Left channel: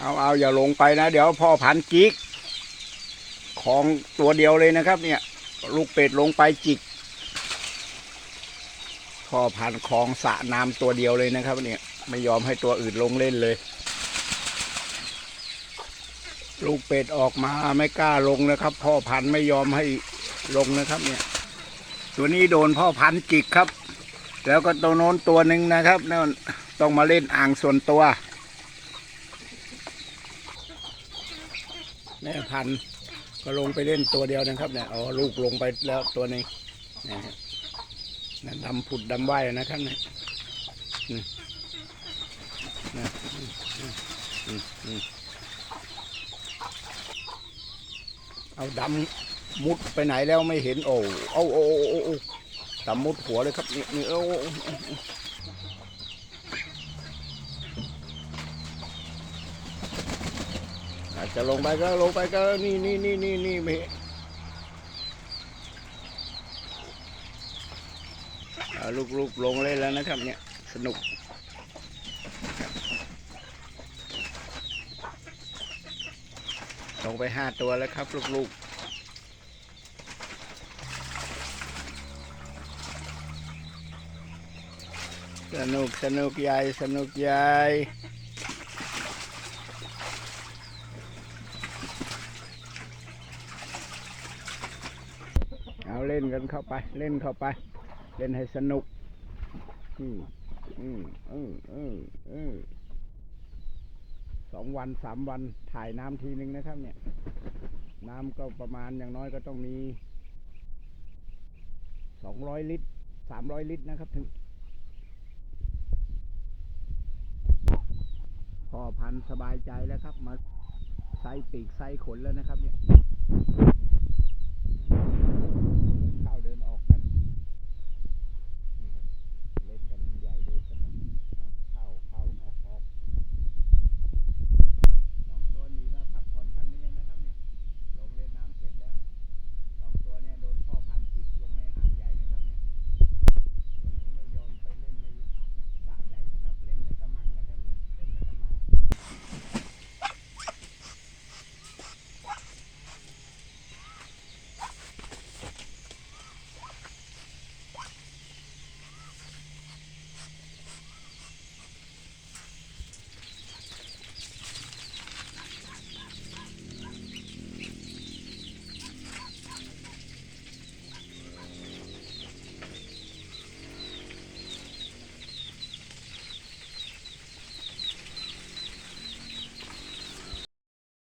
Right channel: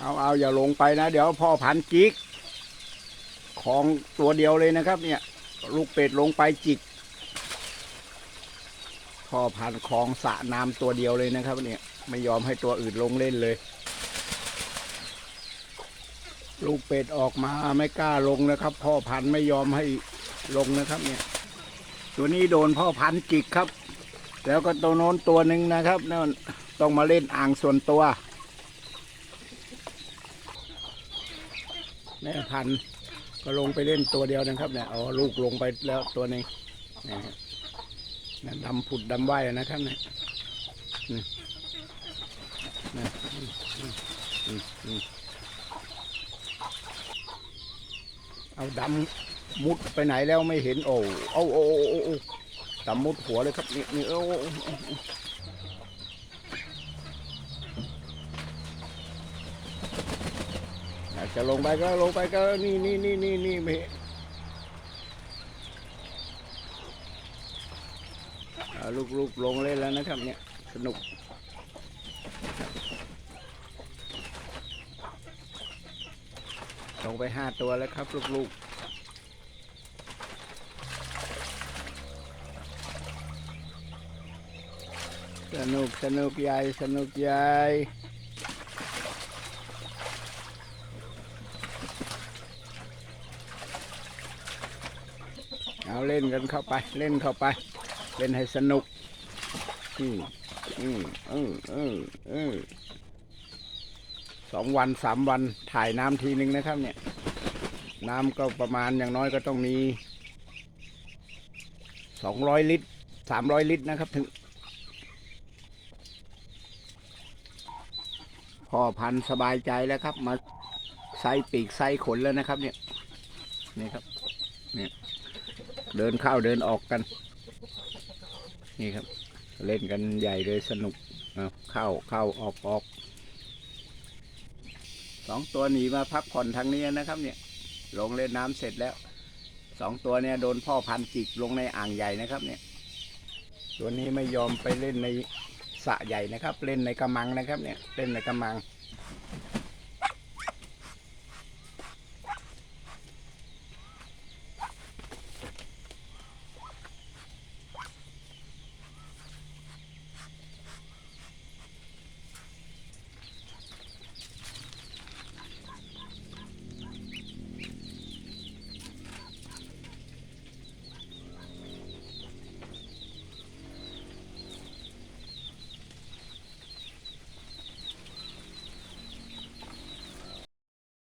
เอาเอาอย่าลงไปนะ เดี๋ยวพ่อพันจิก ของตัวเดียวเลยนะครับ เนี่ย ลูกเป็ดลงไปจิก พ่อพันของสะน้ำตัวเดียวเลยนะครับ เนี่ย ไม่ยอมให้ตัวอื่นลงเล่นเลย ลูกเป็ดออกมาไม่กล้าลงนะครับ พ่อพันไม่ยอมให้ลงนะครับ เนี่ย ตัวนี้โดนพ่อพันจิกครับ แล้วก็ตัวโน้นตัวหนึ่งนะครับนั่นต้องมาเล่นอ่างส่วนตัว แม่ยพันก็ลงไปเล่นตัวเดียวนะครับเนี่ยเอาลูกลงไปแล้วตัวหนึ่งนะฮะดำผุดดำว่ายนะครับเนี่ยนี่นี่อืมอืมอืมอืมเอาดำมุดไปไหนแล้วไม่เห็นโอ้เอาโอ้โอ้โอ้โอ้ดำมุดหัวเลยครับนี่นี่โอ้โอ้โอ้โอ้อา จะลงไปก็ลงไปก็นี่นี่นี่นี่นี่ม่เอาลูกๆลงเล่นแล้วนะครับ เนี่ยสนุกลงไปห้าตัวแล้วครับ ลูกๆสนุกสนุกใหญ่สนุกใหญ่ เอาเล่นกันเข้าไป เล่นเข้าไป เล่นให้สนุก อืมอืมออเออเออสองวันสามวันถ่ายน้ำทีนึงนะครับ เนี่ย น้ำก็ประมาณอย่างน้อยก็ต้องมีสองร้อยลิตรสามร้อยลิตรนะครับ ถึงพ่อพันสบายใจแล้วครับ มาใส่ปีกใส่ขนแล้วนะครับ เนี่ยนี่ครับ นเข้าเดินออกกัน นี่ครับ เล่นกันใหญ่เลยสนุกเอาเข้าเข้าออกออกสองตัวหนีมาพักผ่อนทางนี้นะครับ เนี่ย ลงเล่นน้ำเสร็จแล้วสองตัวเนี่ยโดนพ่อพันจิกลงในอ่างใหญ่นะครับ เนี่ย ตัวนี้ไม่ยอมไปเล่นในสระใหญ่นะครับ เล่นในกระมังนะครับ เนี่ย เล่นในกระมัง